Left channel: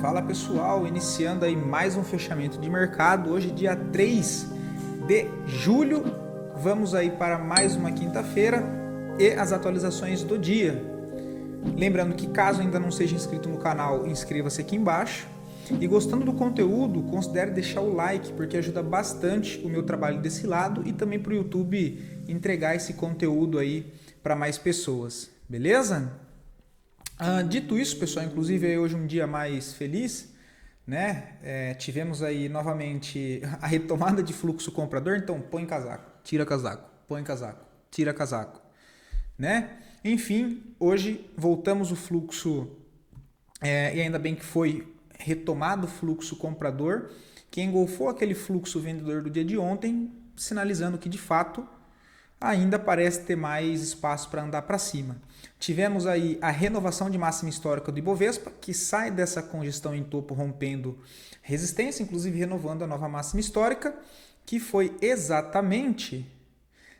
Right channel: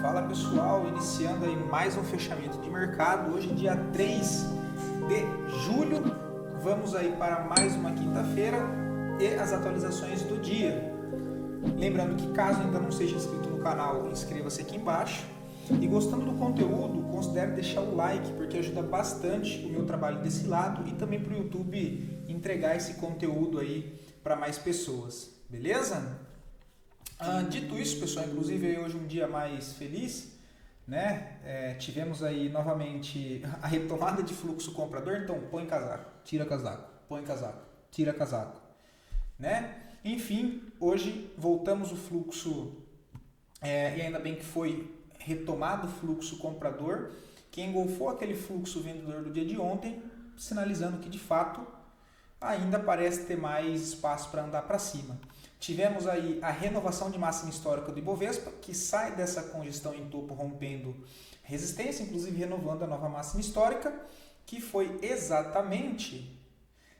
Fala pessoal, iniciando aí mais um fechamento de mercado, hoje dia 3 de julho, vamos aí para mais uma quinta-feira e as atualizações do dia. Lembrando que caso ainda não seja inscrito no canal, inscreva-se aqui embaixo e gostando do conteúdo, considere deixar o like porque ajuda bastante o meu trabalho desse lado e também para o YouTube entregar esse conteúdo aí para mais pessoas, beleza? Dito isso, pessoal, inclusive hoje um dia mais feliz, né? Tivemos aí novamente a retomada de fluxo comprador, então põe casaco, tira casaco, põe casaco, tira casaco, né? Enfim, hoje voltamos o fluxo e ainda bem que foi retomado o fluxo comprador, que engolfou aquele fluxo vendedor do dia de ontem, sinalizando que de fato ainda parece ter mais espaço para andar para cima. Tivemos aí a renovação de máxima histórica do Ibovespa, que sai dessa congestão em topo rompendo resistência, inclusive renovando a nova máxima histórica, que foi exatamente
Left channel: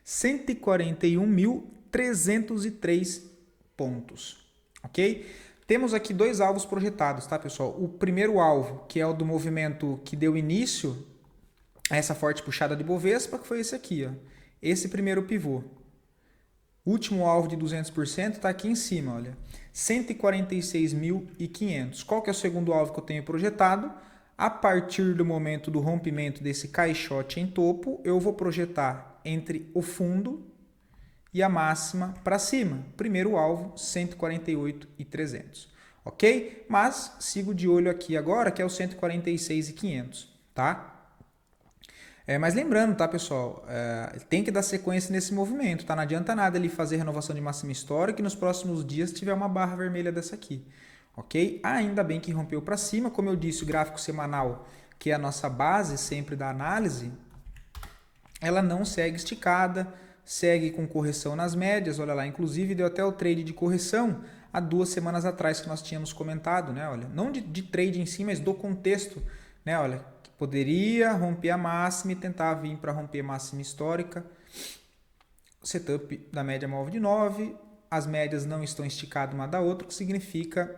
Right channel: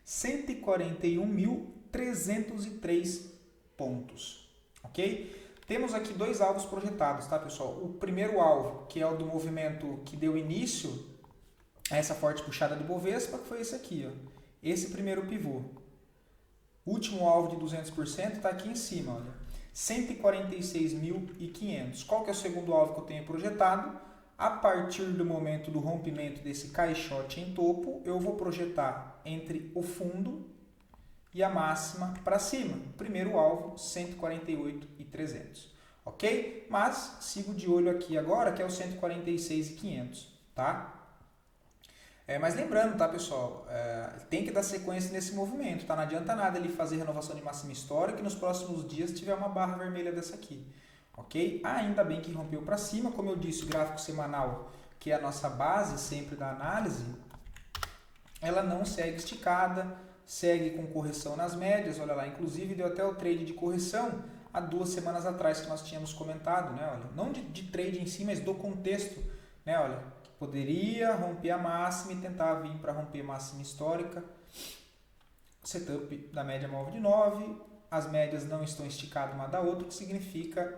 141.303 pontos, ok? Temos aqui dois alvos projetados, tá, pessoal? O primeiro alvo, que é o do movimento que deu início a essa forte puxada de Ibovespa, que foi esse aqui, ó. Esse primeiro pivô. Último alvo de 200% está aqui em cima, olha. 146.500. Qual que é o segundo alvo que eu tenho projetado? A partir do momento do rompimento desse caixote em topo, eu vou projetar entre o fundo e a máxima para cima. Primeiro alvo, 148.300. Ok? Mas sigo de olho aqui agora, que é o 146.500, tá? Mas lembrando, tá, pessoal, tem que dar sequência nesse movimento, tá? Não adianta nada ele fazer renovação de máxima histórica e nos próximos dias tiver uma barra vermelha dessa aqui, ok? Ainda bem que rompeu para cima, como eu disse, o gráfico semanal, que é a nossa base sempre da análise, ela não segue esticada, segue com correção nas médias, olha lá, inclusive deu até o trade de correção há 2 semanas atrás que nós tínhamos comentado, né? Olha, não de trade em si, mas do contexto, né? Olha, poderia romper a máxima e tentar vir para romper a máxima histórica. Setup da média móvel de 9, as médias não estão esticadas uma da outra, o que significa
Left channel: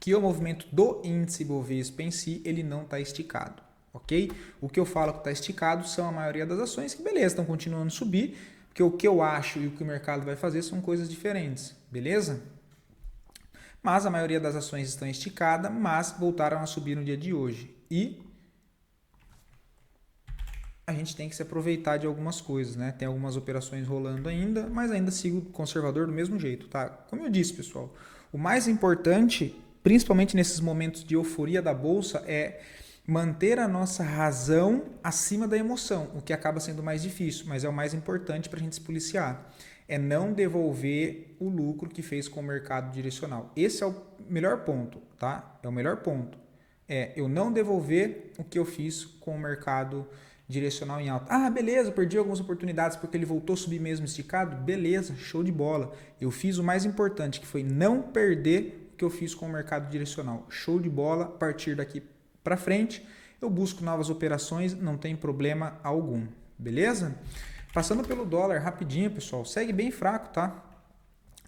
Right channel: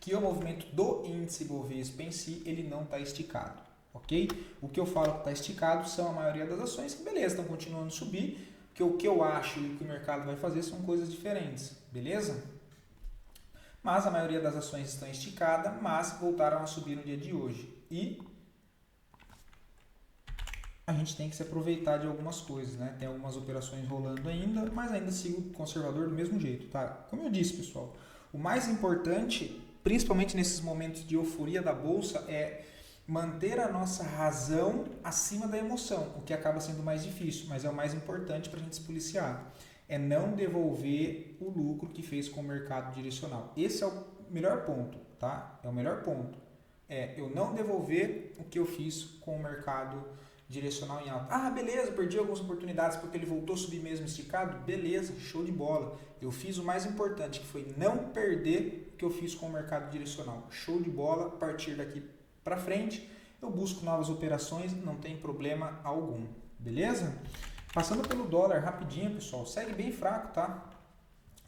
que o movimento do índice Bovespa em si, ele não está esticado, ok? O que eu falo que está esticado são a maioria das ações que, beleza, estão continuando a subir, porque o que eu acho e o que o mercado vai fazer são coisas diferentes, beleza? Mas a maioria das ações estão esticadas, mas voltaram a subir no dia de hoje. E a gente tem que se aproveitar de algumas coisas, né? Tem algumas operações rolando ainda, mas ainda sigo conservador do mesmo jeito, tá? Como eu disse, pessoal, o mais importante, principalmente nesses momentos de euforia da bolsa, é manter a nossa razão acima da emoção, o que acaba sendo mais difícil, mas é o mais importante para a gente se policiar. É não devolver o lucro que fez com o mercado direcional. Esse é o melhor ponto, tá? É o melhor ponto. É eu não devolver o que eu fiz com o mercado direcional em alta. Ah, beleza, perdi algumas oportunidades porque ele voltou a subir mesmo esticado. Beleza, show de bola. Eu fiz o mais importante, que foi não perder o que eu fiz com o mercado direcional. Show de bola. A partir daqui para frente, eu busco novas operações, não tem problema algum. Beleza? Passando pelo dólar rapidinho, pessoal. Segue bem fraco, tá?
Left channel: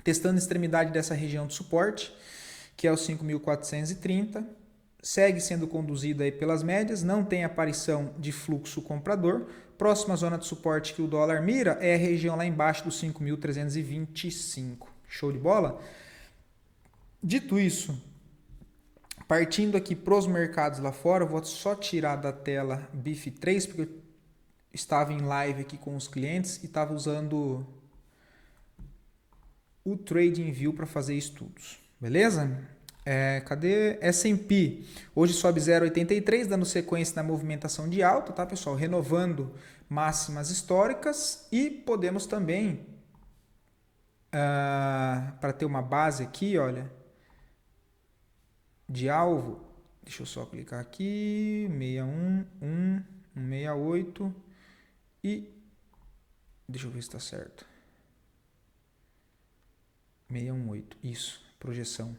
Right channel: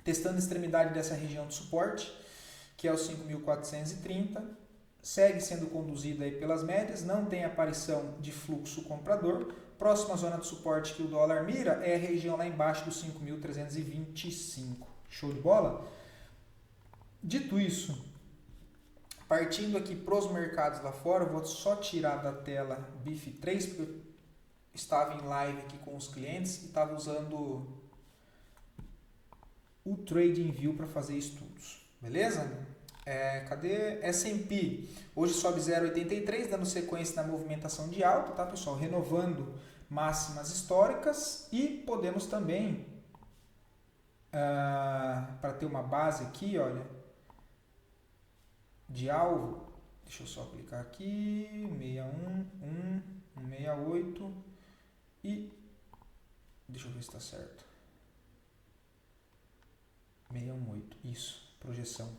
Testando a extremidade dessa região de suporte, que é o 5.430. Segue sendo conduzido aí pelas médias, não tem aparição de fluxo comprador. Próxima zona de suporte que o dólar mira é a região lá embaixo dos 5.325. Show de bola? Dito isso, partindo aqui para os mercados lá fora, eu vou só tirar da tela BIF3, porque eu estava em live aqui com os clientes e estava usando o TradingView para fazer estudos. Beleza? Cadê? S&P hoje sobe 0,83, dando sequência na movimentação de alta, tá, pessoal? Renovando máximas históricas e podemos também, para ter uma base aqui, olha, de alvo, deixa eu só clicar aqui, 61, 168 e deixa eu ver se está certo. 618, isso, projeção.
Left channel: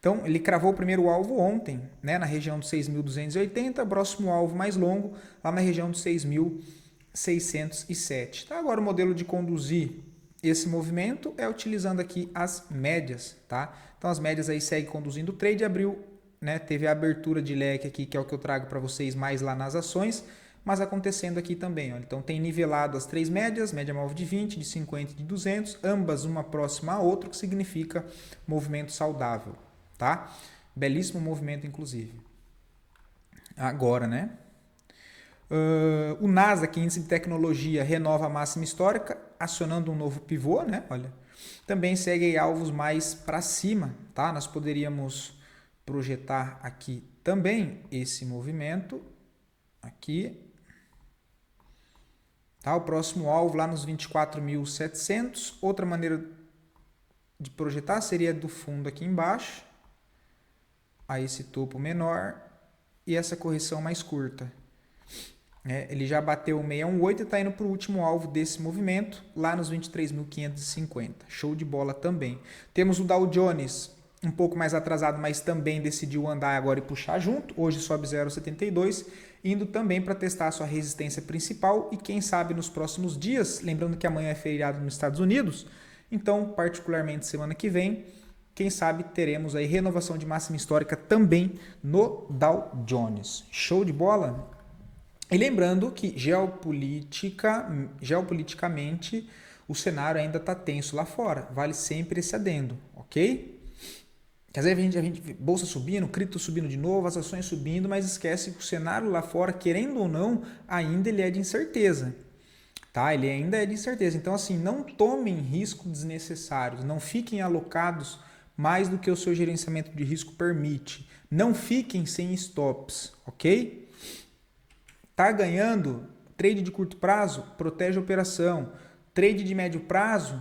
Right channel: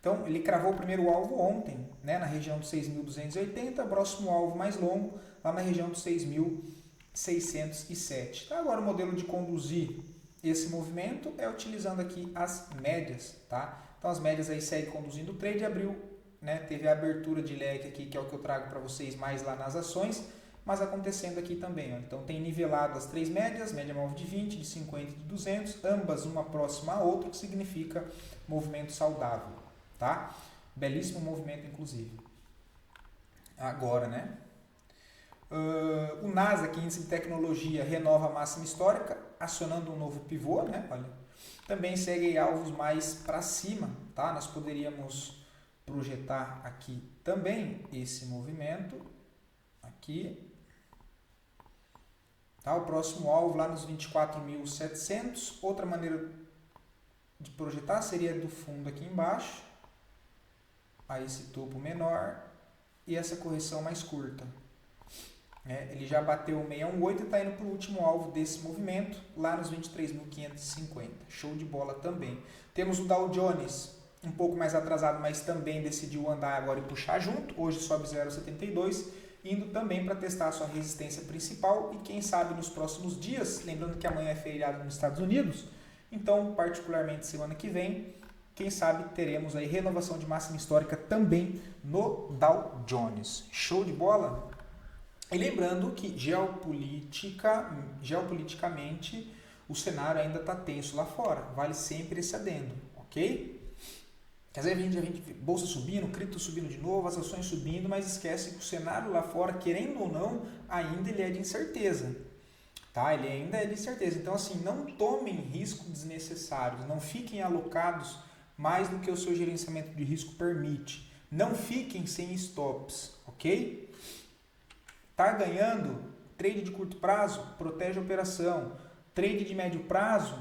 Então, ele cravou o primeiro alvo ontem, né, na região dos 6.280, próximo alvo mais longo, lá na região dos 6.607. Tá? Agora, o modelo de conduzir esse movimento é utilizando aqui as médias. Tá? Então, as médias aí seguem conduzindo o trade, abriu né? Teve a abertura de leque aqui, que é o que eu trago para vocês mais lá nas ações, mas acontecendo aqui também. Ó. Então tem nivelado as três médias, média móvel de 20, de 50 e de 200, ambas uma próxima à outra, o que significa movimento saudável, tá? Belíssimo movimento, inclusive. Agora, né? O Nasdaq, índice de tecnologia, renova a máxima histórica, acionando um novo pivô, né? Olha, também segue alvos mais para cima, tá? Nós poderíamos projetar aqui também esse movimento, aqui, tá? O próximo alvo lá nos 24.700. Outra maneira de projetar seria do fundo aqui embaixo, a esse topo menor e essa correção mais curta. Ele já bateu o 618 e está indo para o último alvo desse movimento, lá nos 23.550. Show de bola também. Temos o Dow Jones, um pouco mais atrasado, mas também decidiu andar agora e puxar junto. Hoje sobe 0,72, indo também para testar a sua resistência principal e quem sabe nos próximos dias, lembrando que amanhã é feriado nos Estados Unidos, então particularmente semana que vem, quem sabe teremos aí renovação de máxima histórica também no Dow Jones. Show de bola? E lembrando que geopoliticamente o cenário ainda está tenso lá fora. Vale sempre esse adendo, ok? Quer dizer, a gente vê bolsa subindo, cripto subindo de novo, as ações subindo, mas esquece que o cenário lá fora, querendo ou não, ainda ele é de incerteza. Tá? Ele ainda é de incerteza. Então, assim, não tomem riscos desnecessários, não fiquem alocados mais do que o seu gerenciamento de risco permite. Não fiquem sem stops, ok? Tá ganhando, trade de curto prazo, protege a operação. Trade de médio prazo,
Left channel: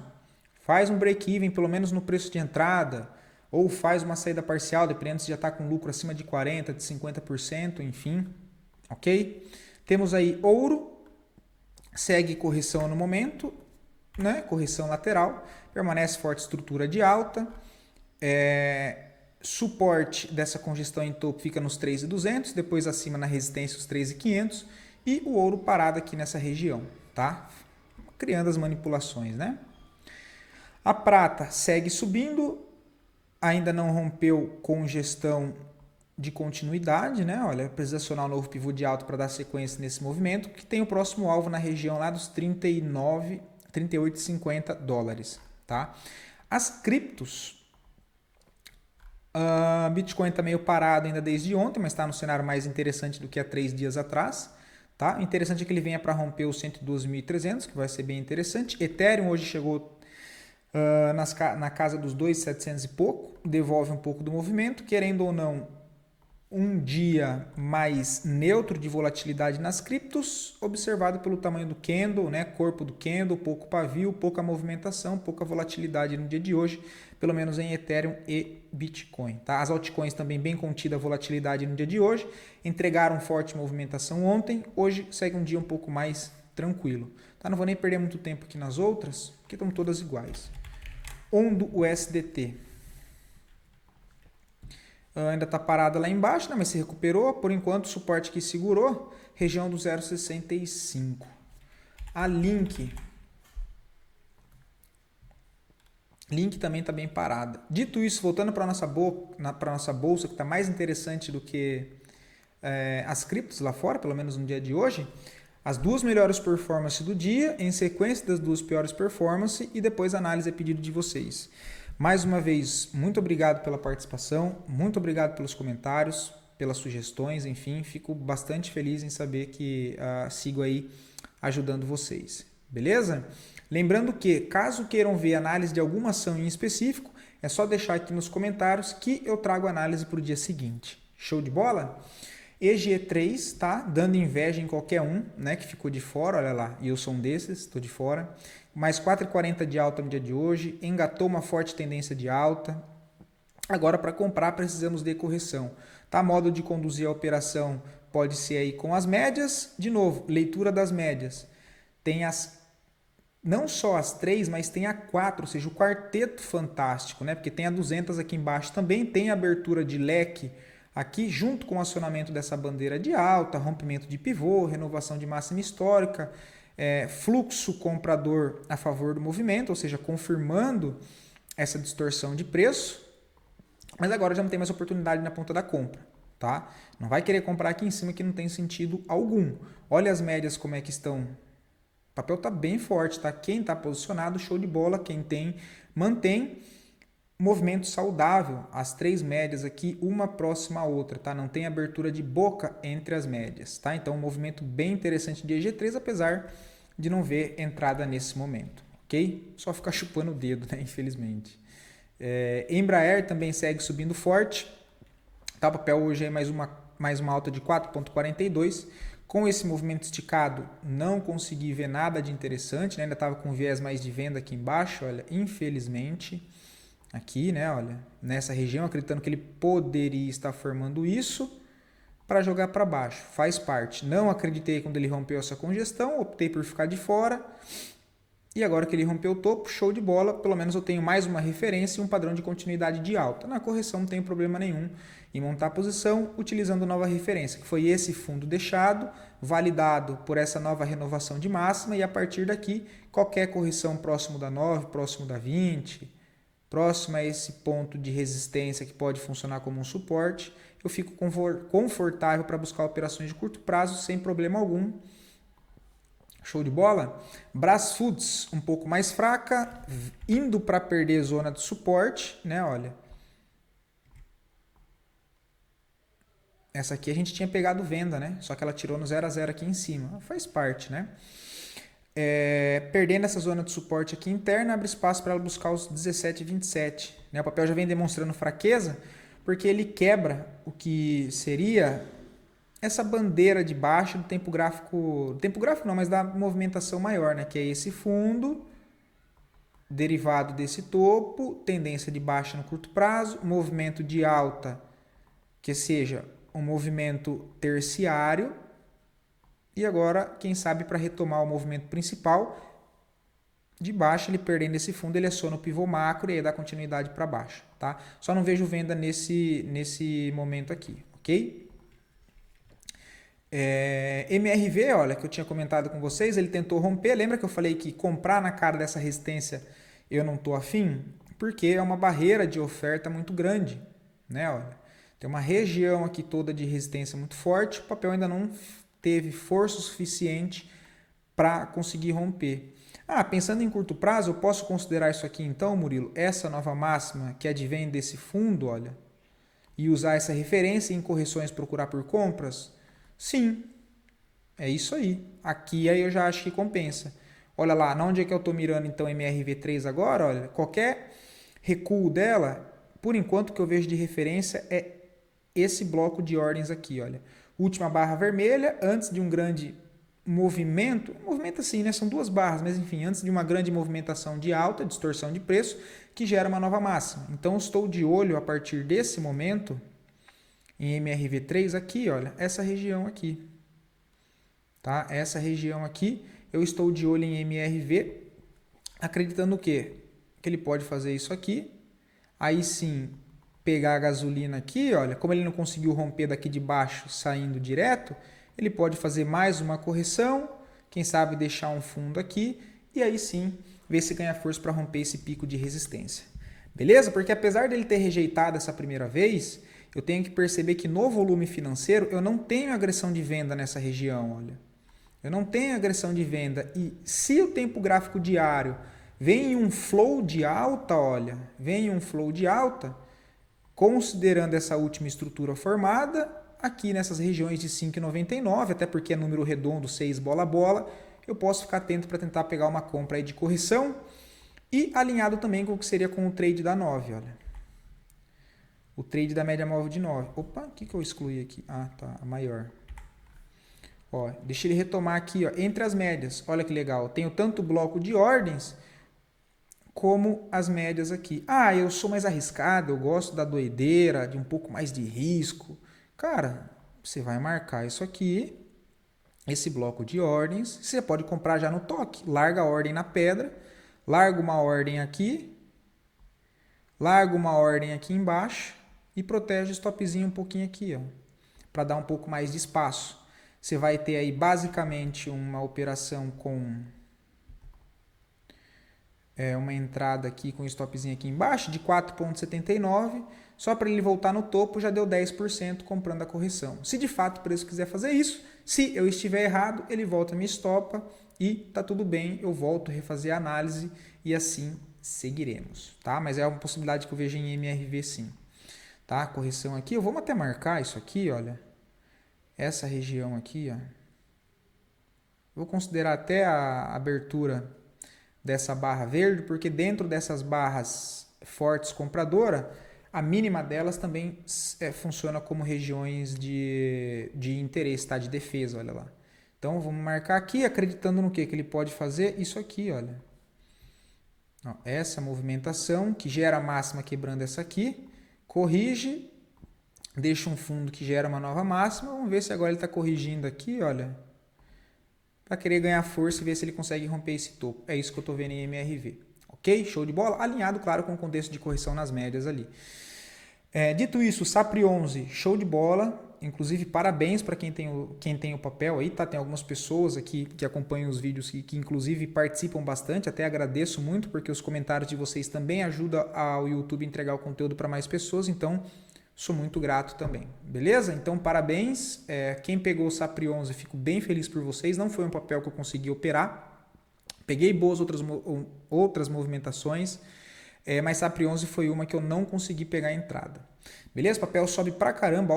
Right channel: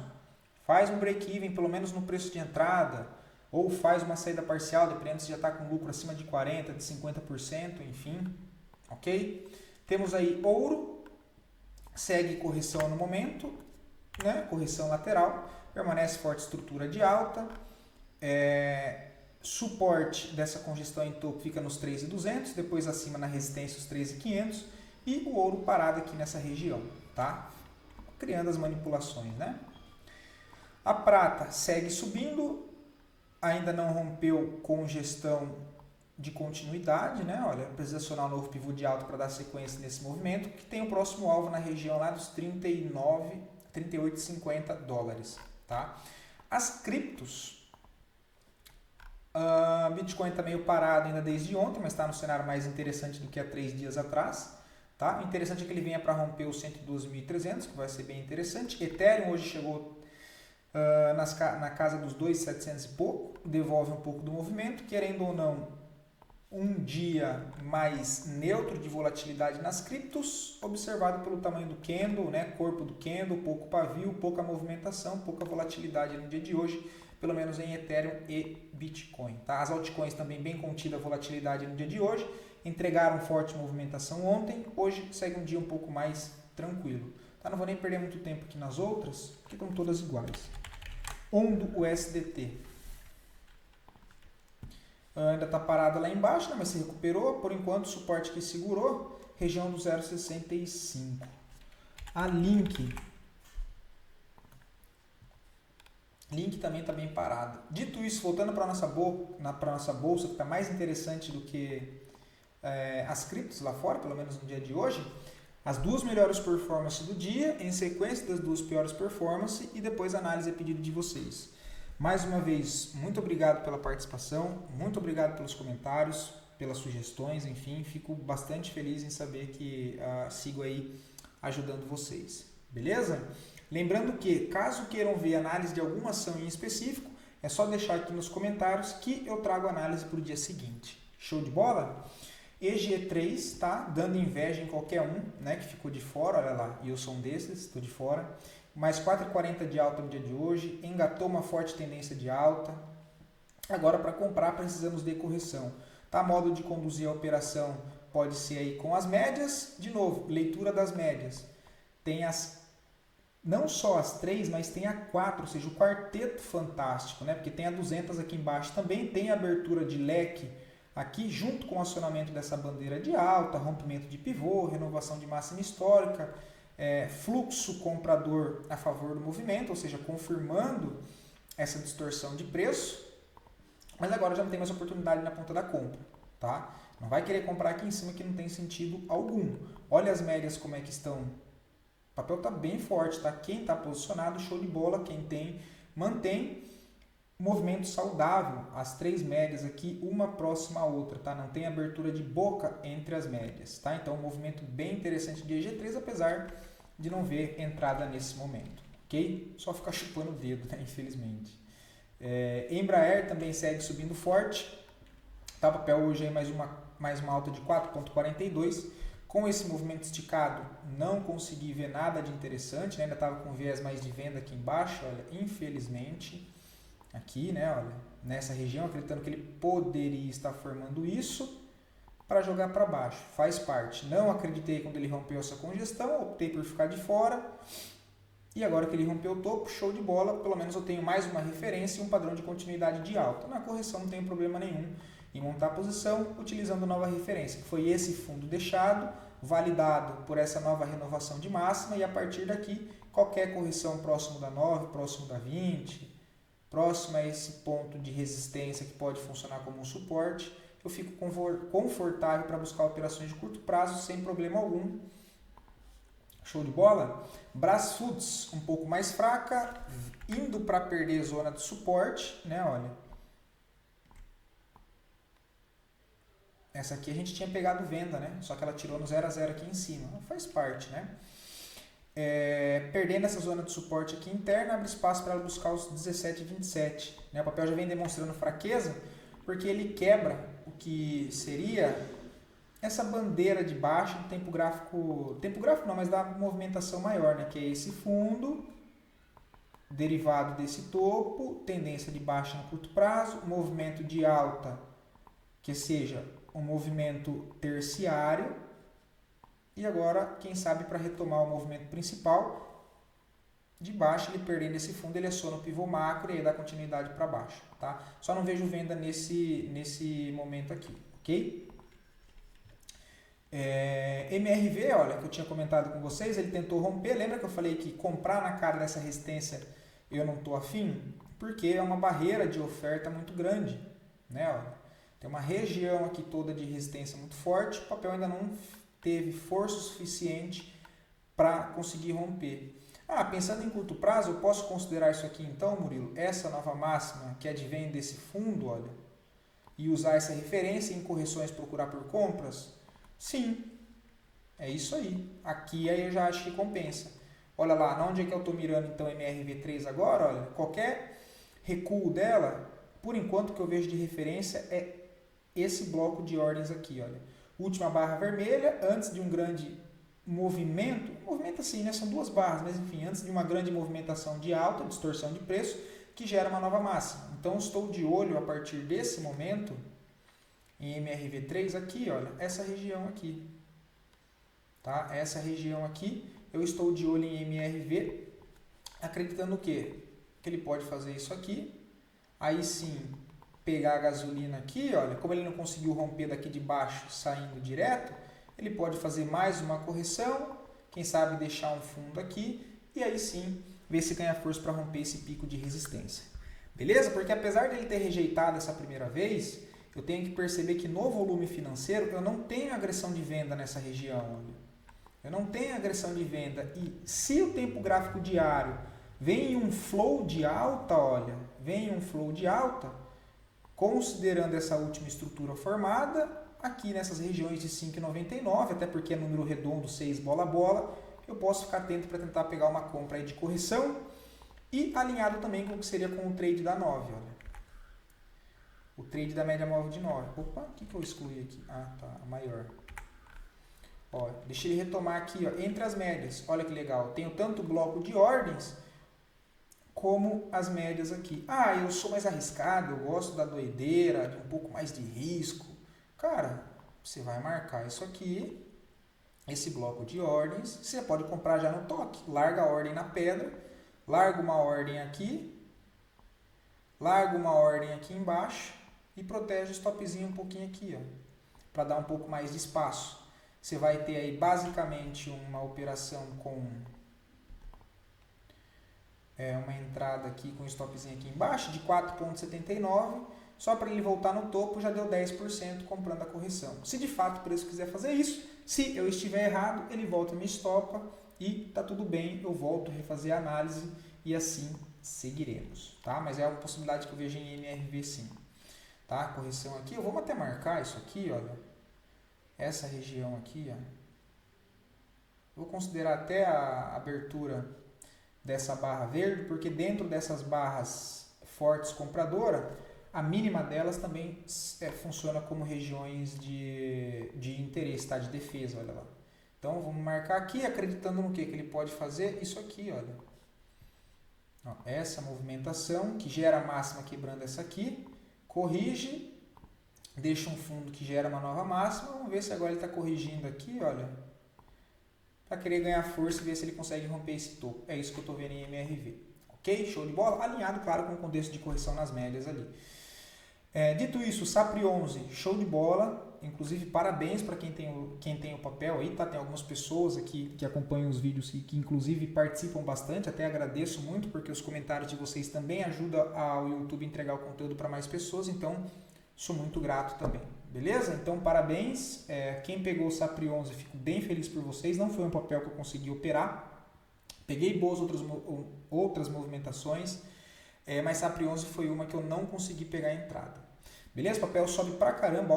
faz um break-even, pelo menos no preço de entrada, ou faz uma saída parcial, dependendo se já está com lucro acima de 40%, de 50%, enfim. Ok? Temos aí ouro, segue correção no momento, né? Correção lateral, permanece forte estrutura de alta, suporte dessa congestão em topo fica nos 3.200, depois acima na resistência os 3.500 e o ouro parado aqui nessa região, tá? Criando as manipulações, né? A prata segue subindo, ainda não rompeu congestão de continuidade, né? Olha, precisa acionar um novo pivô de alta para dar sequência nesse movimento, que tem o próximo alvo na região lá dos 38,50 dólares, tá? As criptos, Bitcoin está meio parado ainda desde ontem, mas está no cenário mais interessante do que há 3 dias atrás. Tá? O interessante é que ele venha para romper os 112.300, que vai ser bem interessante. Ethereum hoje chegou na casa dos 2.700 e pouco, devolve um pouco do movimento. Querendo ou não, um dia mais neutro de volatilidade nas criptos, observado pelo tamanho do candle, né? Corpo do candle, pouco pavio, pouca movimentação, pouca volatilidade no dia de hoje, pelo menos em Ethereum e Bitcoin. Tá? As altcoins também bem contida a volatilidade no dia de hoje, entregaram forte movimentação ontem, hoje segue um dia um pouco mais tranquilo. Tá? Não vou nem perder muito tempo aqui nas outras, porque estão todas iguais. Ondo USDT. Ainda está parada lá embaixo, né? Mas se recuperou. Por enquanto, o suporte que segurou, região do 0,65. A Link também está bem parada. Dito isso, voltando para a nossa bolsa, que está mais interessante do que as criptos lá fora, pelo menos no dia de hoje, as duas melhores performances do dia, em sequência das duas piores performances e depois a análise a pedido de vocês. Mais uma vez, muito obrigado pela participação, muito obrigado pelos comentários, pelas sugestões, enfim, fico bastante feliz em saber que sigo aí ajudando vocês, beleza? Lembrando que, caso queiram ver análise de alguma ação em específico, é só deixar aqui nos comentários que eu trago análise para o dia seguinte. Show de bola? EG3, tá? Dando inveja em qualquer um, né? Que ficou de fora, olha lá, e eu sou um desses, estou de fora. Mais 4,40 de alta no dia de hoje, engatou uma forte tendência de alta. Agora, para comprar, precisamos de correção. Tá? Modo de conduzir a operação pode ser aí com as médias. De novo, leitura das médias. Tem não só as 3, mas tem a 4, ou seja, o quarteto fantástico, né? Porque tem a 200 aqui embaixo também, tem a abertura de leque aqui, junto com o acionamento dessa bandeira de alta, rompimento de pivô, renovação de máxima histórica, fluxo comprador a favor do movimento, ou seja, confirmando essa distorção de preço. Mas agora já não tem mais oportunidade na ponta da compra, tá? Não vai querer comprar aqui em cima que não tem sentido algum. Olha as médias como é que estão. O papel está bem forte, tá? Quem está posicionado, show de bola. Quem tem, mantém movimento saudável. As três médias aqui, uma próxima à outra, tá? Não tem abertura de boca entre as médias, tá? Então, um movimento bem interessante de EG3, apesar de não ver entrada nesse momento, ok? Só ficar chupando o dedo, né? Infelizmente. Embraer também segue subindo forte. Tá, o papel hoje é mais uma alta de 4,42. Com esse movimento esticado, não consegui ver nada de interessante, né? Ainda estava com viés mais de venda aqui embaixo, olha, infelizmente. Aqui, né, olha, nessa região, acreditando que ele poderia estar formando isso para jogar para baixo. Faz parte. Não acreditei quando ele rompeu essa congestão, optei por ficar de fora. E agora que ele rompeu o topo, show de bola, pelo menos eu tenho mais uma referência e um padrão de continuidade de alta. Na correção não tenho problema nenhum em montar a posição utilizando nova referência, que foi esse fundo deixado, validado por essa nova renovação de máxima, e a partir daqui, qualquer correção próximo da 9, próximo da 20, próximo a esse ponto de resistência que pode funcionar como um suporte, eu fico confortável para buscar operações de curto prazo sem problema algum. Show de bola? Brasfoods um pouco mais fraca, indo para perder zona de suporte, né? Olha. Essa aqui a gente tinha pegado venda, né? Só que ela tirou no 0 a 0 aqui em cima. Faz parte, né? Perdendo essa zona de suporte aqui interna, abre espaço para ela buscar os 17,27. Né? O papel já vem demonstrando fraqueza, porque ele quebra o que seria essa bandeira de baixa do tempo gráfico não, mas da movimentação maior, né? Que é esse fundo, derivado desse topo, tendência de baixa no curto prazo, movimento de alta, que seja um movimento terciário, e agora, quem sabe, para retomar o movimento principal, de baixa, ele perdendo esse fundo, ele aciona o pivô macro e aí dá continuidade para baixo, tá? Só não vejo venda nesse momento aqui, ok? MRV, olha, que eu tinha comentado com vocês, ele tentou romper. Lembra que eu falei que comprar na cara dessa resistência eu não estou afim? Porque é uma barreira de oferta muito grande, né? Olha, tem uma região aqui toda de resistência muito forte, o papel ainda não teve força suficiente para conseguir romper. Pensando em curto prazo, eu posso considerar isso aqui então, Murilo, essa nova máxima que advém desse fundo, olha, e usar essa referência em correções procurar por compras? Sim, é isso aí. Aqui aí eu já acho que compensa. Olha lá, onde é que eu estou mirando então MRV3 agora? Olha, qualquer recuo dela, por enquanto que eu vejo de referência é esse bloco de ordens aqui, olha. Última barra vermelha, antes de um grande movimento assim, né? São duas barras, mas enfim, antes de uma grande movimentação de alta, distorção de preço, que gera uma nova máxima. Então, estou de olho a partir desse momento em MRV3 aqui, olha, essa região aqui, tá? Essa região aqui, eu estou de olho em MRV, acreditando o quê? Que ele pode fazer isso aqui, aí sim, pegar a gasolina aqui, olha, como ele não conseguiu romper daqui de baixo, saindo direto, ele pode fazer mais uma correção, quem sabe deixar um fundo aqui, e aí sim, ver se ganha força para romper esse pico de resistência. Beleza? Porque apesar dele ter rejeitado essa primeira vez, eu tenho que perceber que no volume financeiro eu não tenho agressão de venda nessa região, olha. Eu não tenho agressão de venda, e se o tempo gráfico diário vem em um flow de alta, olha, vem em um flow de alta, considerando essa última estrutura formada, aqui nessas regiões de 5,99, até porque é número redondo, 6 bola a bola, eu posso ficar atento para tentar pegar uma compra aí de correção e alinhado também com o que seria com o trade da 9, olha. O trade da média móvel de 9. Opa, o que eu excluí aqui? Tá, a maior. Ó, deixa ele retomar aqui, ó, entre as médias. Olha que legal, eu tenho tanto o bloco de ordens como as médias aqui. Eu sou mais arriscado, eu gosto da doideira, de um pouco mais de risco. Cara, você vai marcar isso aqui, esse bloco de ordens, você pode comprar já no toque. Larga a ordem na pedra, larga uma ordem aqui embaixo e protege o stopzinho um pouquinho aqui, ó, para dar um pouco mais de espaço. Você vai ter aí basicamente uma operação com uma entrada aqui com stopzinho aqui embaixo de 4,79. só para ele voltar no topo já deu 10% comprando a correção. Se de fato o preço quiser fazer isso, se eu estiver errado, ele volta me estopa e tá tudo bem, eu volto a refazer a análise e assim seguiremos, tá? Mas é uma possibilidade que eu vejo em MRV sim, tá? Correção aqui, eu vou até marcar isso aqui, olha, essa região aqui, ó. Vou considerar até a abertura dessa barra verde, porque dentro dessas barras fortes compradora, a mínima delas também funciona como regiões de interesse, tá? De defesa, olha lá. Então vamos marcar aqui, acreditando no que ele pode fazer, isso aqui, olha. Ó, essa movimentação que gera a máxima quebrando essa aqui, corrige, deixa um fundo que gera uma nova máxima, vamos ver se agora ele está corrigindo aqui, olha, para querer ganhar força e ver se ele consegue romper esse topo. É isso que eu estou vendo em MRV. Ok? Show de bola? Alinhado, claro, com o contexto de correção nas médias ali. Dito isso, SAPRI 11, show de bola. Inclusive, parabéns para quem tem o papel aí, tá? Tem algumas pessoas aqui que acompanham os vídeos que inclusive participam bastante. Até agradeço muito, porque os comentários de vocês também ajudam ao YouTube a entregar o conteúdo para mais pessoas. Então, sou muito grato também. Beleza? Então, parabéns. Quem pegou o SAPRI 11, fico bem feliz por vocês. Não foi um papel que eu consegui operar. Peguei boas outras movimentações, mas SAPRI 11 foi uma que eu não consegui pegar a entrada. Beleza? O papel sobe pra caramba,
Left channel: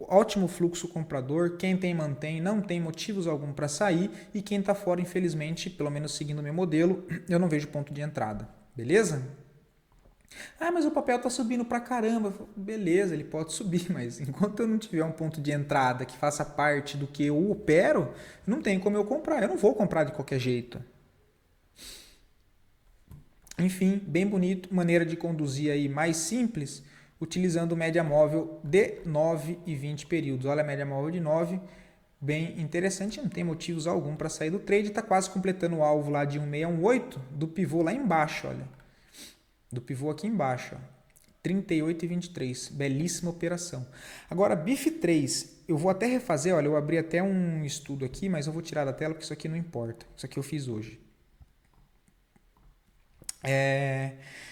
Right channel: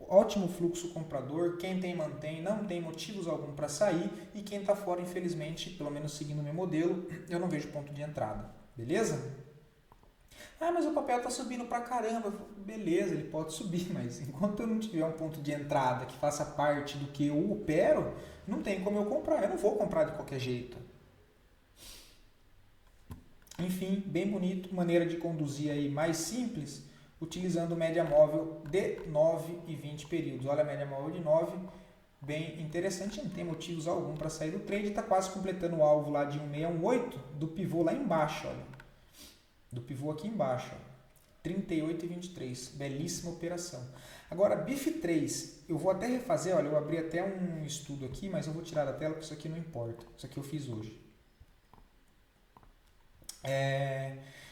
ótimo fluxo comprador. Quem tem, mantém, não tem motivos algum para sair. E quem está fora, infelizmente, pelo menos seguindo o meu modelo, eu não vejo ponto de entrada. Beleza? Ah, mas o papel está subindo pra caramba. Beleza, ele pode subir, mas enquanto eu não tiver um ponto de entrada que faça parte do que eu opero, não tem como eu comprar. Eu não vou comprar de qualquer jeito. Enfim, bem bonito, maneira de conduzir aí mais simples, utilizando média móvel de 9 e 20 períodos. Olha a média móvel de 9, bem interessante, não tem motivos algum para sair do trade, está quase completando o alvo lá de 1618 do pivô lá embaixo, olha. Do pivô aqui embaixo, ó. 38 e 23, belíssima operação. Agora, BIF3, eu vou até refazer, olha, eu abri até um estudo aqui, mas eu vou tirar da tela porque isso aqui não importa, isso aqui eu fiz hoje.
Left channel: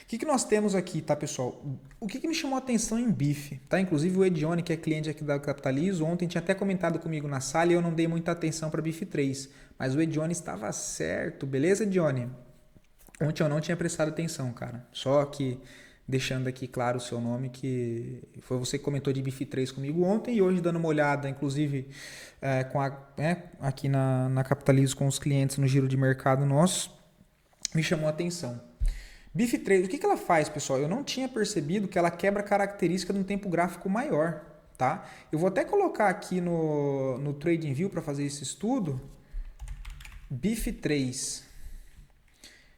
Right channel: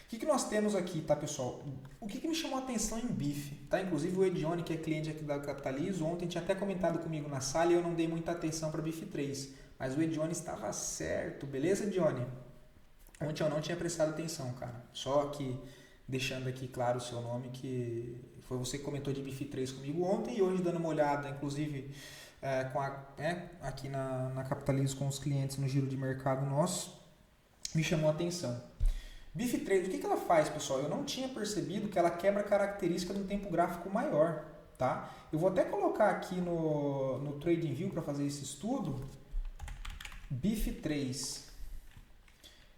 O que nós temos aqui, tá, pessoal? O que me chamou a atenção em BIF, tá? Inclusive o Edione, que é cliente aqui da Capitalizo, ontem tinha até comentado comigo na sala e eu não dei muita atenção para BIF3, mas o Edione estava certo, beleza, Edione? Ontem eu não tinha prestado atenção, cara. Só que deixando aqui claro o seu nome, que foi você que comentou de BIF3 comigo ontem e hoje dando uma olhada, inclusive aqui na Capitalizo com os clientes no giro de mercado nosso, me chamou a atenção. BIF3, o que ela faz, pessoal? Eu não tinha percebido que ela quebra característica de um tempo gráfico maior, tá? Eu vou até colocar aqui no TradingView para fazer esse estudo. BIF3.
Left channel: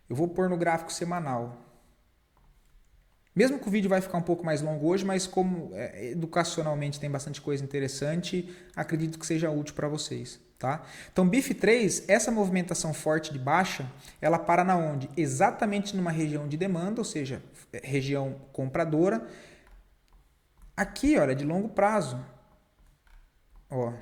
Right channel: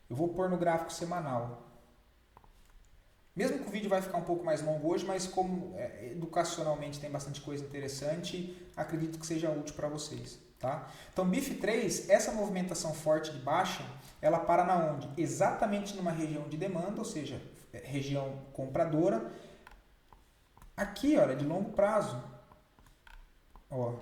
Eu vou pôr no gráfico semanal. Mesmo que o vídeo vai ficar um pouco mais longo hoje, mas como educacionalmente tem bastante coisa interessante, acredito que seja útil para vocês. Tá? Então, BIF3, essa movimentação forte de baixa, ela para na onde? Exatamente numa região de demanda, ou seja, região compradora. Aqui, olha, de longo prazo. Ó,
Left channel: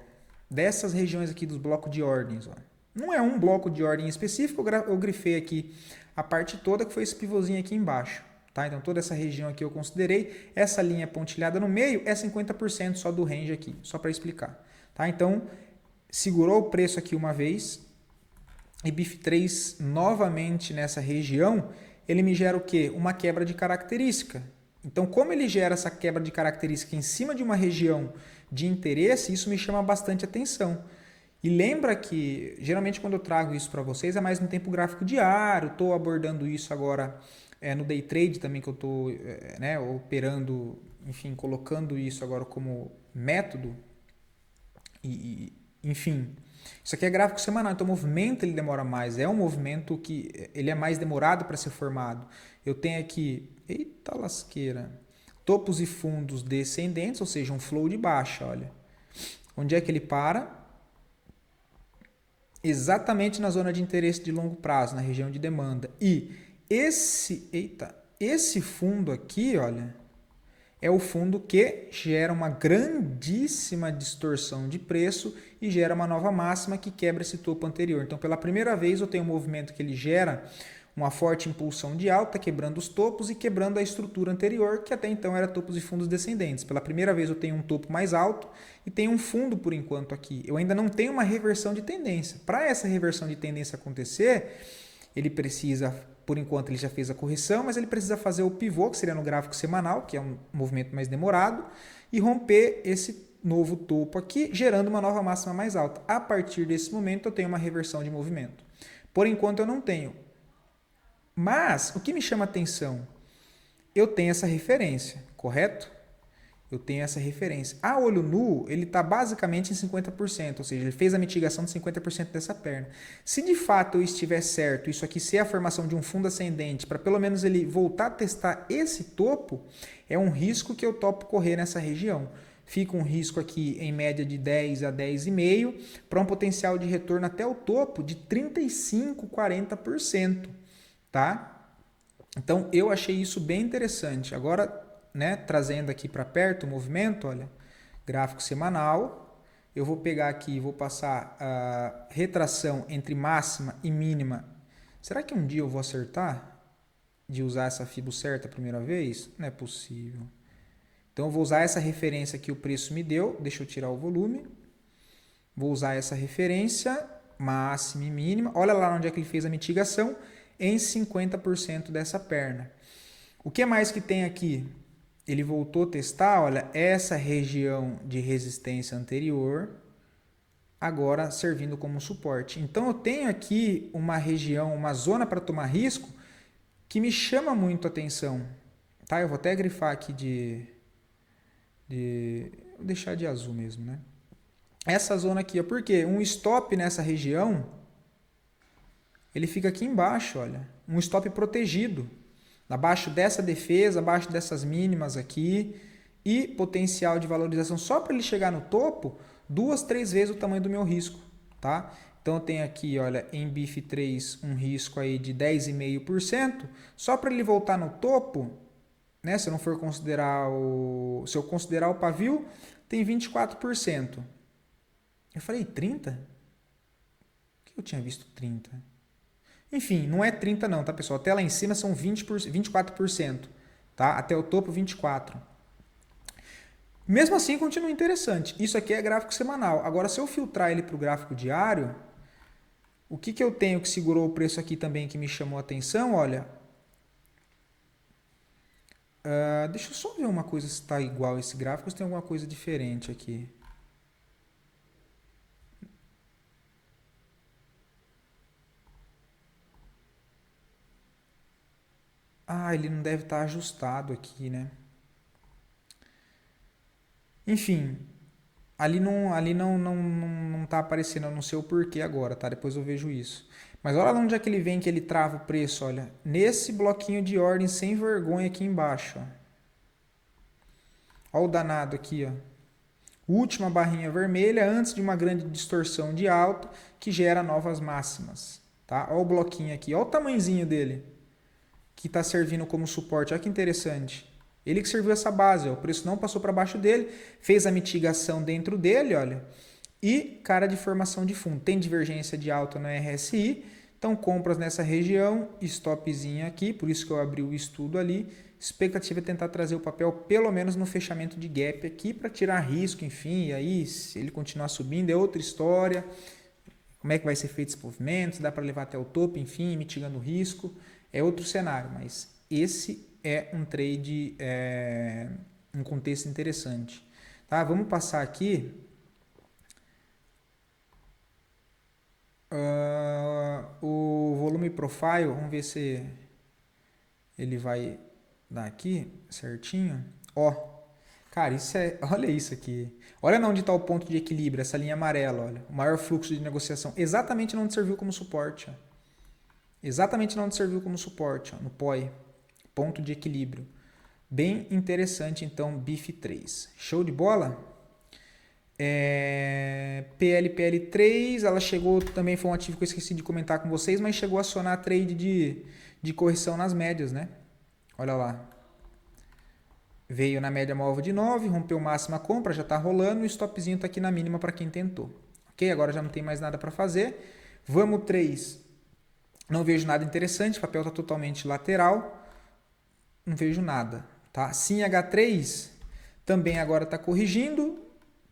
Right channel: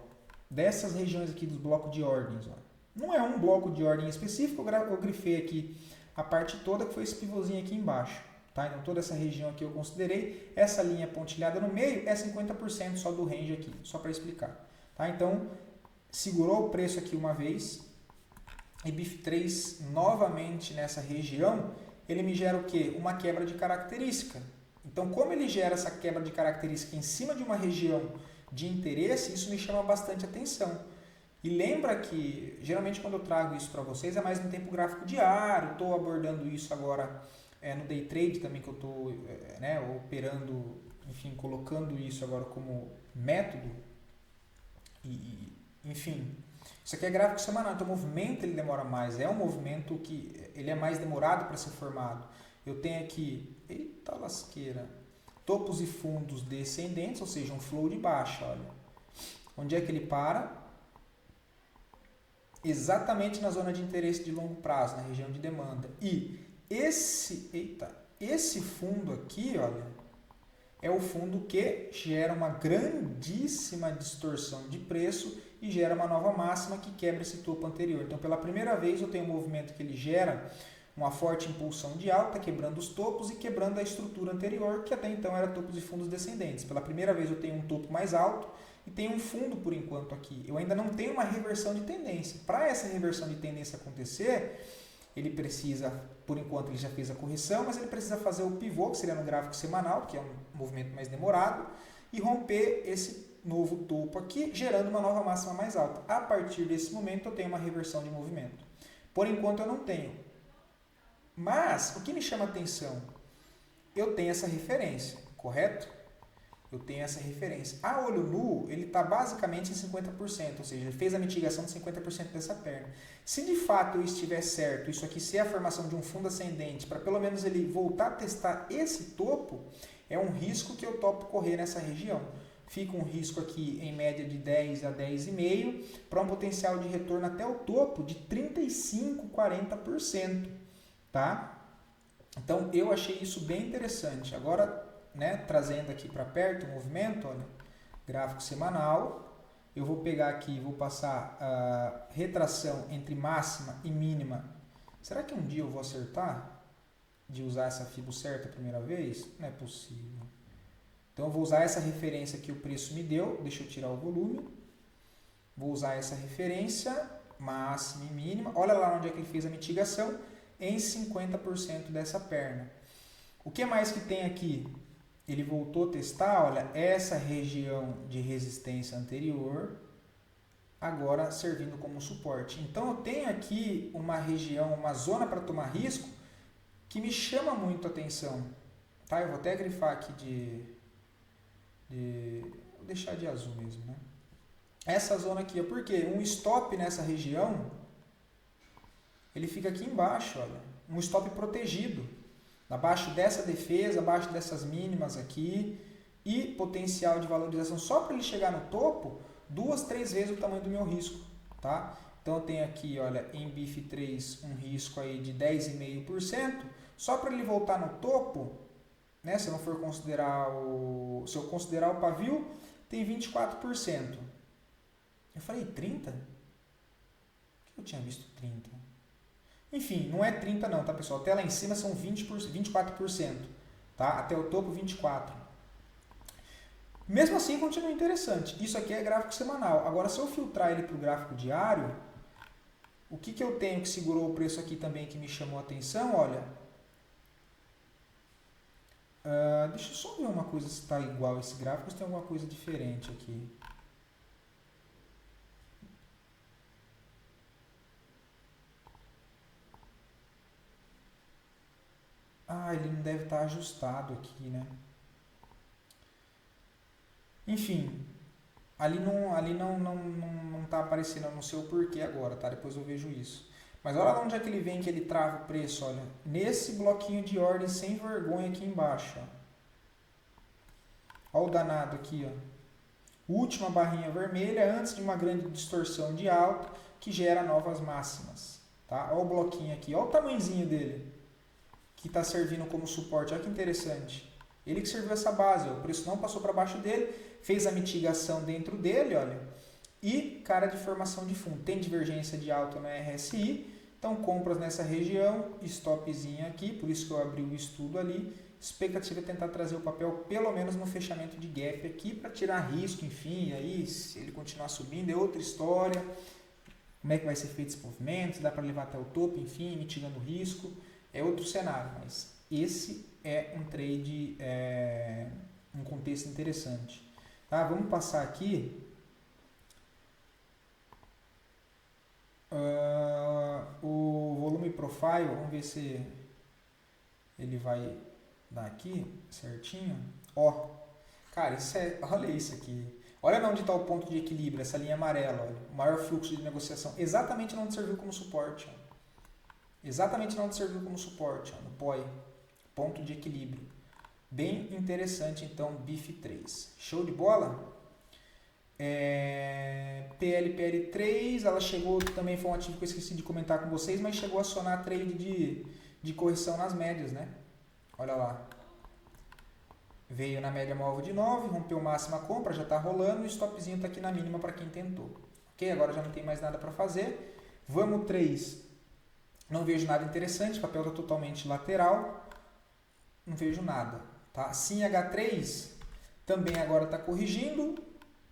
dessas regiões aqui dos blocos de ordens. Ó. Não é um bloco de ordem específico, eu grifei aqui a parte toda, que foi esse pivôzinho aqui embaixo. Tá? Então, toda essa região aqui eu considerei. Essa linha pontilhada no meio é 50% só do range aqui, só para explicar. Tá? Então, segurou o preço aqui uma vez e BIF3 novamente nessa região, ele me gera o quê? Uma quebra de característica. Então, como ele gera essa quebra de característica em cima de uma região de interesse, isso me chama bastante atenção. E lembra que, geralmente, quando eu trago isso para vocês, é mais no tempo gráfico diário, estou abordando isso agora no day trade também, que eu estou operando, enfim, colocando isso agora como método. Enfim, isso aqui é gráfico semanal, então o movimento ele demora mais, é um movimento que ele é mais demorado para ser formado. Eu tenho aqui, eita lasqueira, topos e fundos descendentes, ou seja, um flow de baixa, olha. Onde é que ele para? Exatamente na zona de interesse de longo prazo, na região de demanda. E esse fundo aqui, olha, é o fundo que gera uma grandíssima distorção de preço e gera uma nova máxima que quebra esse topo anterior. Então, pela primeira vez, eu tenho um movimento que ele gera uma forte impulsão de alta, quebrando os topos e quebrando a estrutura anterior, que até então era topos e fundos descendentes. Pela primeira vez eu tenho um topo mais alto e tenho um fundo por enquanto aqui. Eu ainda não tenho uma reversão de tendência. Para essa reversão de tendência acontecer, ele precisa, por enquanto ele já fez a correção, mas ele precisa fazer o pivô, que seria no gráfico semanal, que é um movimento mais demorado, e romper esse novo topo aqui, gerando uma nova máxima mais alta. A partir desse momento eu tenho uma reversão de movimento. Por enquanto eu não tenho. Mas o que me chama atenção? Eu tenho essa referência, correto? Eu tenho essa referência. A olho nu, ele está basicamente em 50%, ou seja, ele fez a mitigação de 50% dessa perna. Se de fato eu estiver certo, isso aqui ser a formação de um fundo ascendente, para pelo menos ele voltar a testar esse topo, é um risco que eu topo correr nessa região. Fica um risco aqui em média de 10 a 10,5 para um potencial de retorno até o topo de 35, 40%, tá? Então eu achei isso bem interessante. Agora, né, trazendo aqui para perto o movimento, olha, gráfico semanal, eu vou pegar aqui e vou passar a retração entre máxima e mínima. Será que um dia eu vou acertar de usar essa FIBO certa a primeira vez? Não é possível. Então eu vou usar essa referência que o preço me deu, deixa eu tirar o volume, vou usar essa referência, máxima e mínima, olha lá onde é que ele fez a mitigação, em 50% dessa perna. O que mais que tem aqui? Ele voltou a testar, olha, essa região de resistência anterior, agora servindo como suporte. Então eu tenho aqui uma região, uma zona para tomar risco, que me chama muito a atenção. Tá? Eu vou até grifar aqui vou deixar de azul mesmo, né? Essa zona aqui, por quê? Um stop nessa região, ele fica aqui embaixo, olha. Um stop protegido. Abaixo dessa defesa, abaixo dessas mínimas aqui. E potencial de valorização só para ele chegar no topo, 2, 3 vezes o tamanho do meu risco, tá? Então eu tenho aqui, olha, em BIF3 um risco aí de 10,5%. Só para ele voltar no topo, né, se eu não for considerar se eu considerar o pavio, tem 24%. Eu falei 30? Por que eu tinha visto 30? Enfim, não é 30 não, tá, pessoal? Até lá em cima são 24%, tá? Até o topo 24%. Mesmo assim, continua interessante. Isso aqui é gráfico semanal. Agora, se eu filtrar ele para o gráfico diário, o que eu tenho que segurou o preço aqui também que me chamou a atenção? Olha, deixa eu só ver uma coisa se está igual esse gráfico ou se tem alguma coisa diferente aqui. Ele não deve estar ajustado aqui, né? Enfim, ali não está aparecendo, eu não sei o porquê agora, tá? Depois eu vejo isso. Mas olha lá onde é que ele vem que ele trava o preço, olha. Nesse bloquinho de ordem sem vergonha aqui embaixo, ó. Olha o danado aqui, ó. Última barrinha vermelha antes de uma grande distorção de alta que gera novas máximas, tá? Olha o bloquinho aqui, olha o tamanhozinho dele, que está servindo como suporte. Olha que interessante. Ele que serviu essa base, ó. O preço não passou para baixo dele, fez a mitigação dentro dele, olha. E cara de formação de fundo. Tem divergência de alta no RSI, então compras nessa região, stopzinho aqui, por isso que eu abri o estudo ali. Expectativa é tentar trazer o papel pelo menos no fechamento de gap aqui para tirar risco, enfim, e aí se ele continuar subindo é outra história. Como é que vai ser feito esse movimento, se dá para levar até o topo, enfim, mitigando o risco, é outro cenário, mas esse é um trade, um contexto interessante. Tá? Vamos passar aqui. O volume profile, vamos ver se ele vai dar aqui certinho. Ó, cara, olha isso aqui. Olha onde está o ponto de equilíbrio, essa linha amarela, olha. O maior fluxo de negociação, exatamente onde serviu como suporte. Ó. Exatamente onde serviu como suporte, ó, no POI. Ponto de equilíbrio. Bem interessante, então, BIF3. Show de bola? PL3, ela chegou, também foi um ativo que eu esqueci de comentar com vocês, mas chegou a acionar trade de correção nas médias, né? Olha lá. Veio na média móvel de 9, rompeu máxima compra, já está rolando, e o stopzinho está aqui na mínima para quem tentou. Ok? Agora já não tem mais nada para fazer. Vamos 3 Não vejo nada interessante, o papel está totalmente lateral, não vejo nada. Tá? Sim, H3 também agora está corrigindo,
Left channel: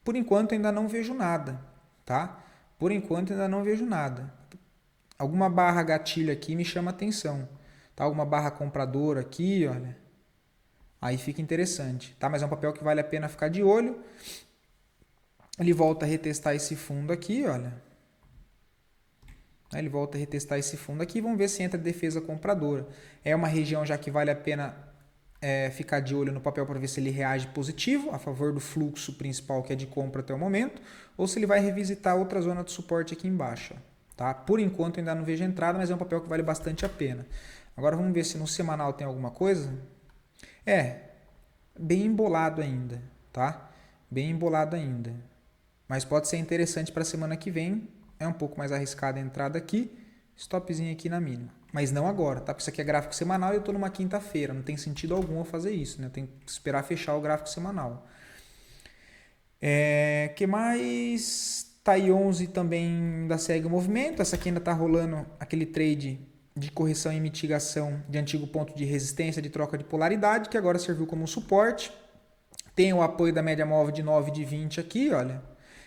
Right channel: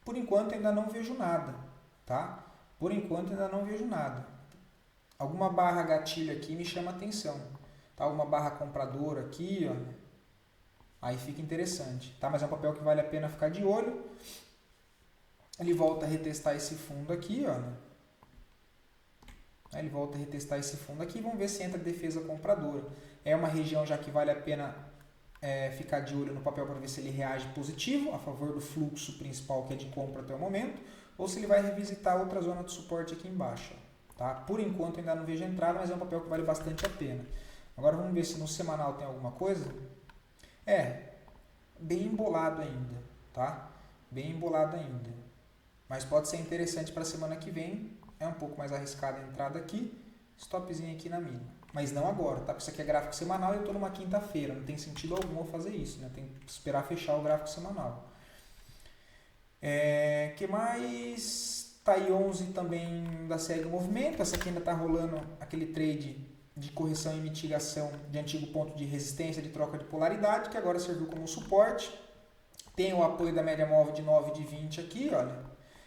por enquanto ainda não vejo nada. Tá? Por enquanto ainda não vejo nada. Alguma barra gatilho aqui me chama atenção. Tá? Alguma barra compradora aqui, olha. Aí fica interessante. Tá? Mas é um papel que vale a pena ficar de olho. Ele volta a retestar esse fundo aqui, olha. Ele volta a retestar esse fundo aqui. Vamos ver se entra defesa compradora. É uma região já que vale a pena ficar de olho no papel para ver se ele reage positivo, a favor do fluxo principal que é de compra até o momento, ou se ele vai revisitar outra zona de suporte aqui embaixo. Tá? Por enquanto ainda não vejo entrada, mas é um papel que vale bastante a pena. Agora vamos ver se no semanal tem alguma coisa. Bem embolado ainda. Tá? Bem embolado ainda. Mas pode ser interessante para a semana que vem. É um pouco mais arriscada a entrada aqui. Stopzinho aqui na mínima. Mas não agora, tá? Porque isso aqui é gráfico semanal e eu estou numa quinta-feira. Não tem sentido algum eu fazer isso, né? Tem que esperar fechar o gráfico semanal. Que mais? TAI 11 também ainda segue o movimento. Essa aqui ainda está rolando aquele trade de correção e mitigação de antigo ponto de resistência de troca de polaridade, que agora serviu como suporte. Tem o apoio da média móvel de 9 de 20 aqui, olha.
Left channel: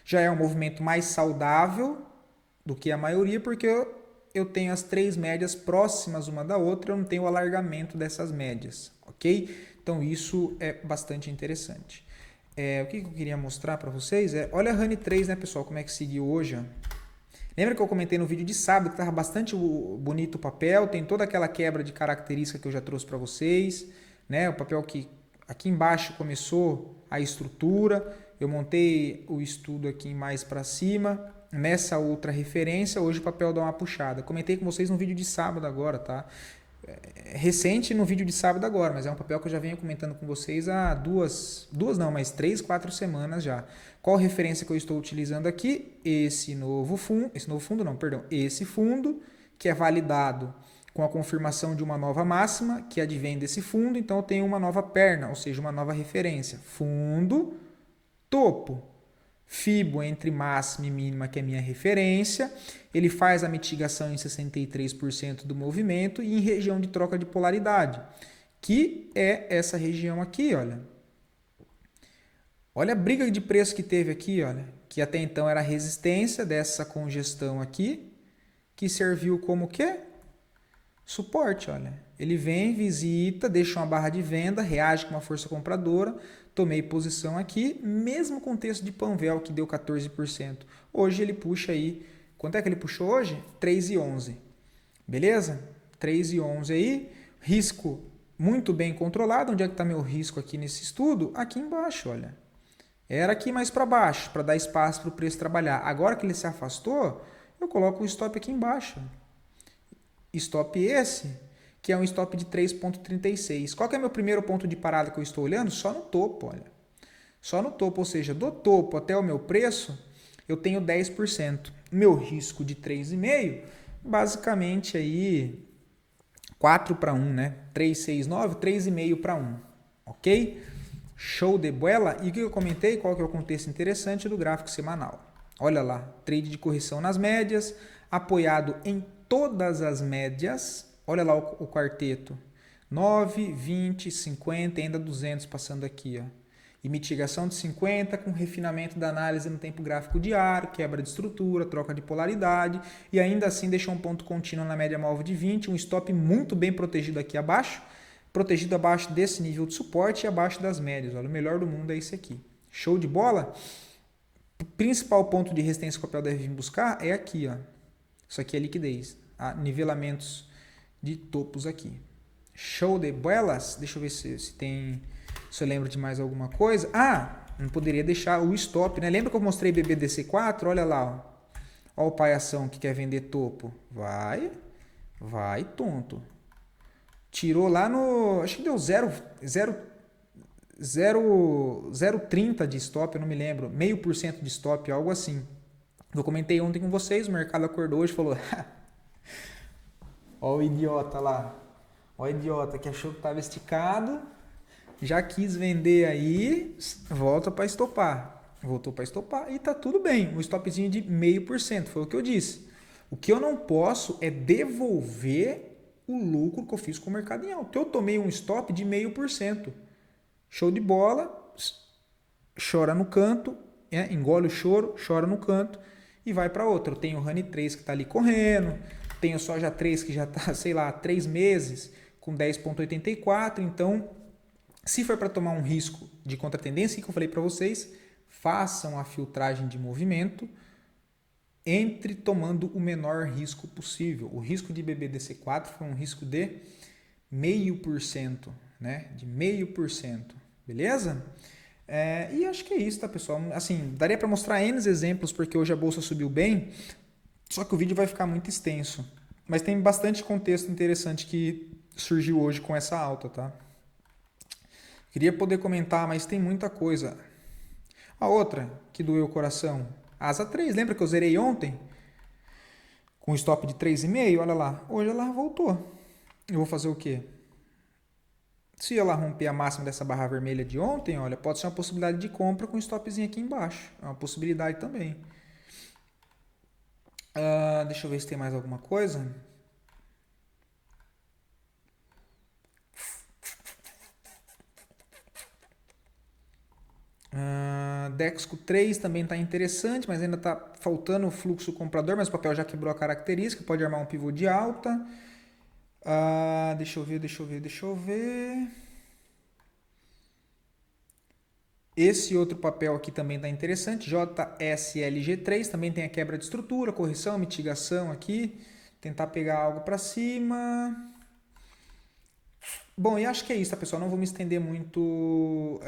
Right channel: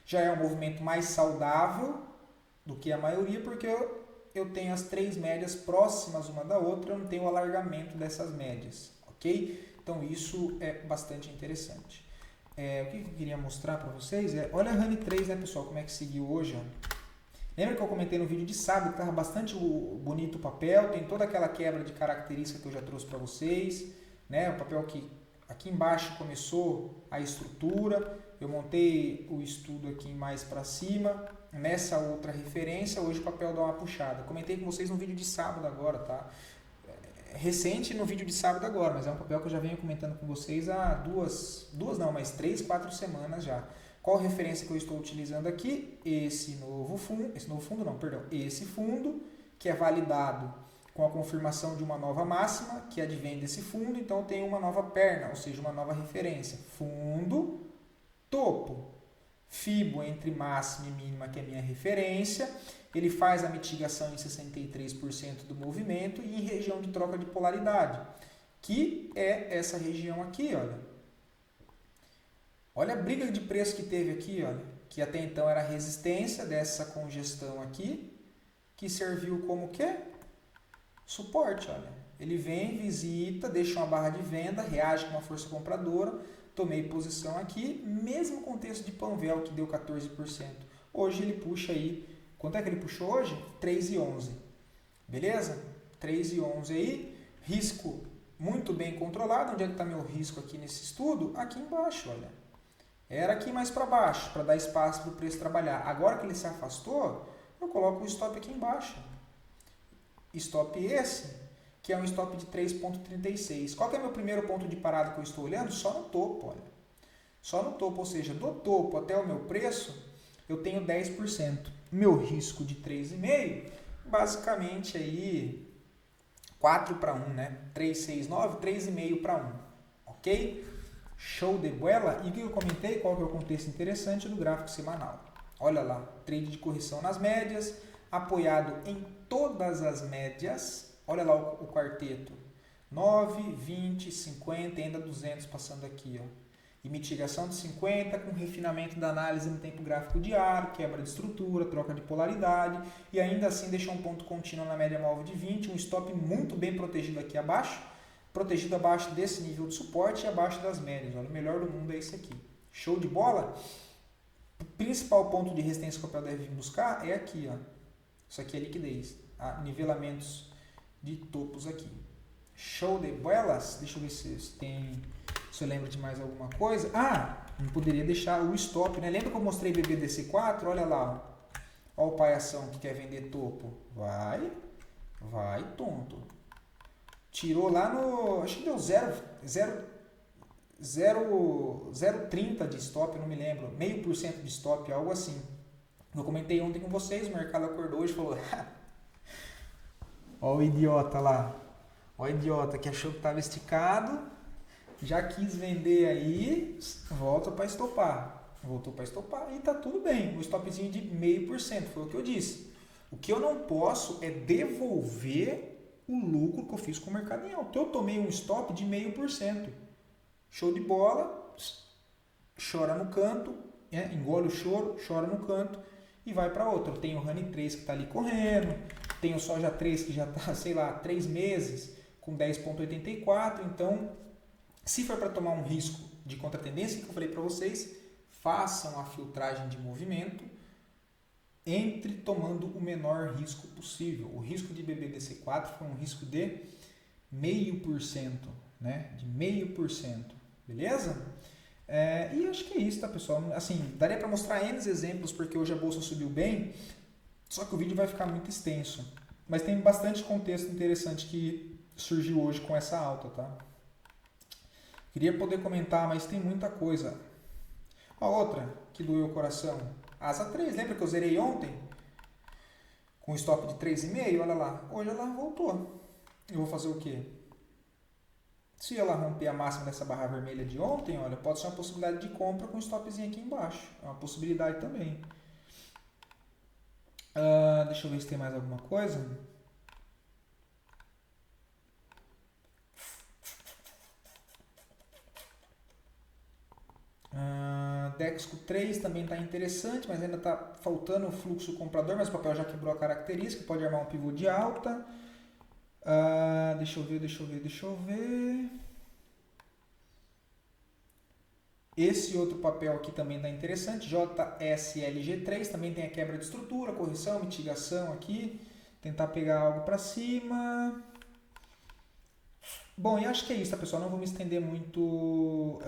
Já é um movimento mais saudável do que a maioria, porque eu tenho as três médias próximas uma da outra, eu não tenho o alargamento dessas médias, ok? Então isso é bastante interessante. O que eu queria mostrar para vocês olha a Honey 3, né, pessoal, como é que seguiu hoje. Ó. Lembra que eu comentei no vídeo de sábado que estava bastante bonito o papel, tem toda aquela quebra de característica que eu já trouxe para vocês, né? O papel que aqui embaixo começou a estrutura, eu montei o estudo aqui mais para cima, nessa outra referência, hoje o papel dá uma puxada. Comentei com vocês no vídeo de sábado agora, tá? Recente no vídeo de sábado agora, mas é um papel que eu já venho comentando com vocês há mas 3, 4 semanas já. Qual referência que eu estou utilizando aqui? Esse fundo, que é validado com a confirmação de uma nova máxima, que advém desse fundo, então eu tenho uma nova perna, ou seja, uma nova referência. Fundo, topo. Fibo entre máxima e mínima, que é a minha referência, ele faz a mitigação em 63% do movimento e em região de troca de polaridade, que é essa região aqui, olha. Olha a briga de preço que teve aqui, olha, que até então era a resistência dessa congestão aqui, que serviu como o quê? Suporte, olha. Ele vem, visita, deixa uma barra de venda, reage com uma força compradora, tomei posição aqui, mesmo com o texto de Panvel que deu 14%. Hoje ele puxa aí, quanto é que ele puxou hoje? 3,11. Beleza? 3,11 aí, risco muito bem controlado. Onde é que está meu risco aqui nesse estudo? Aqui embaixo, olha. Era aqui mais para baixo, para dar espaço para o preço trabalhar. Agora que ele se afastou, eu coloco o stop aqui embaixo. Stop esse, que é um stop de 3,36. Qual que é o meu primeiro ponto de parada que eu estou olhando? Só no topo, olha. Só no topo, ou seja, do topo até o meu preço, eu tenho 10%. Meu risco de 3,5, basicamente aí 4 para 1, né? 3,69, 3,5 para 1, ok? Show de bola. E o que eu comentei? Qual que é o contexto interessante do gráfico semanal? Olha lá, trade de correção nas médias, apoiado em todas as médias. Olha lá o quarteto, 9, 20, 50 e ainda 200 passando aqui. Ó. E mitigação de 50 com refinamento da análise no tempo gráfico diário, quebra de estrutura, troca de polaridade e ainda assim deixou um ponto contínuo na média móvel de 20, um stop muito bem protegido aqui abaixo, protegido abaixo desse nível de suporte e abaixo das médias. Olha, o melhor do mundo é esse aqui. Show de bola? O principal ponto de resistência que o papel deve vir buscar é aqui. Ó. Isso aqui é liquidez. Nivelamentos de topos aqui. Show de bolas? Deixa eu ver se eu lembro de mais alguma coisa. Não poderia deixar o stop, né? Lembra que eu mostrei BBDC4? Olha lá, ó. Olha o palhação que quer vender topo. Vai, tonto. Tirou lá no... Acho que deu 0,30 de stop, eu não me lembro. 0,5% de stop, algo assim. Eu comentei ontem com vocês, o mercado acordou hoje e falou... Olha o idiota lá. Olha o idiota que achou que estava esticado. Já quis vender aí. Volta para estopar. Voltou para estopar e tá tudo bem. Um stopzinho de 0,5%. Foi o que eu disse. O que eu não posso é devolver o lucro que eu fiz com o mercado em alta. Eu tomei um stop de 0,5%. Show de bola, chora no canto, engole o choro, chora no canto e vai para outra. Eu tenho o Honey 3 que está ali correndo, tenho o Soja 3 que já está, sei lá, 3 meses com 10,84. Então, se for para tomar um risco de contratendência, que eu falei para vocês, façam a filtragem de movimento, entre tomando o menor risco possível. O risco de BBDC4 foi um risco de 0,5%, né? De 0,5%, beleza? E acho que é isso, tá, pessoal? Assim, daria para mostrar N exemplos, porque hoje a bolsa subiu bem, só que o vídeo vai ficar muito extenso. Mas tem bastante contexto interessante que surgiu hoje com essa alta, tá? Queria poder comentar, mas tem muita coisa. A outra que doeu o coração, Asa 3, lembra que eu zerei ontem? Com stop de 3,5, olha lá. Hoje ela voltou. Eu vou fazer o quê? Se ela romper a máxima dessa barra vermelha de ontem, olha, pode ser uma possibilidade de compra com stopzinho aqui embaixo. É uma possibilidade também. Deixa eu ver se tem mais alguma coisa. Dexco 3 também está interessante, mas ainda está faltando o fluxo comprador, mas o papel já quebrou a característica, pode armar um pivô de alta. Deixa eu ver. Esse outro papel aqui também está interessante, JSLG3, também tem a quebra de estrutura, correção, mitigação aqui, tentar pegar algo para cima. Bom, e acho que é isso, tá, pessoal? Não vou me estender muito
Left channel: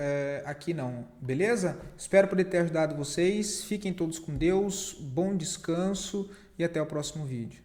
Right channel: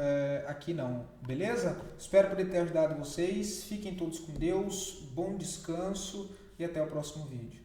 aqui não, beleza? Espero poder ter ajudado vocês. Fiquem todos com Deus, bom descanso e até o próximo vídeo.